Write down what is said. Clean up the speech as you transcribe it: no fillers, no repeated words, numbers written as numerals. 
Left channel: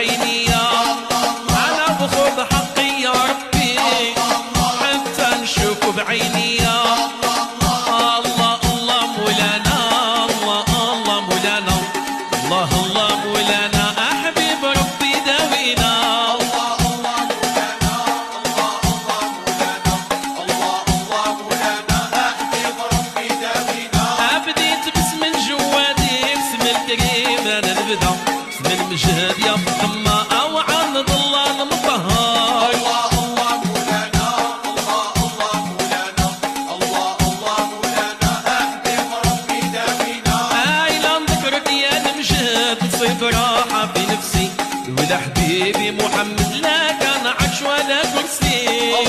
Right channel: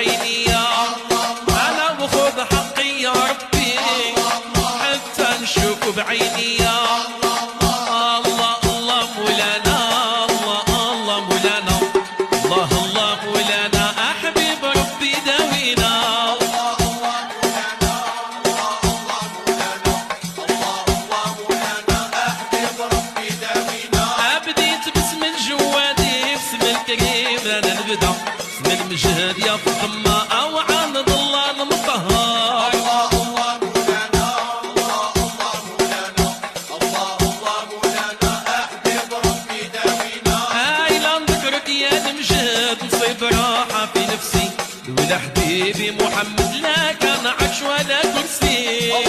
بعيني انا بخذ حقي يا ربي حتى نشوف بعيني الله الله مولانا الله الله مولانا الله الله مولانا احبيب ربي داوينا ابديت باسم الجوادي باسم الكريم انا نبدا باسم المجهد يا فخمه او عن ظلال مطهر يا مجهد نصيب راحة في نفسي لولا حبيبي محمد لا كان عرش ولا كرسي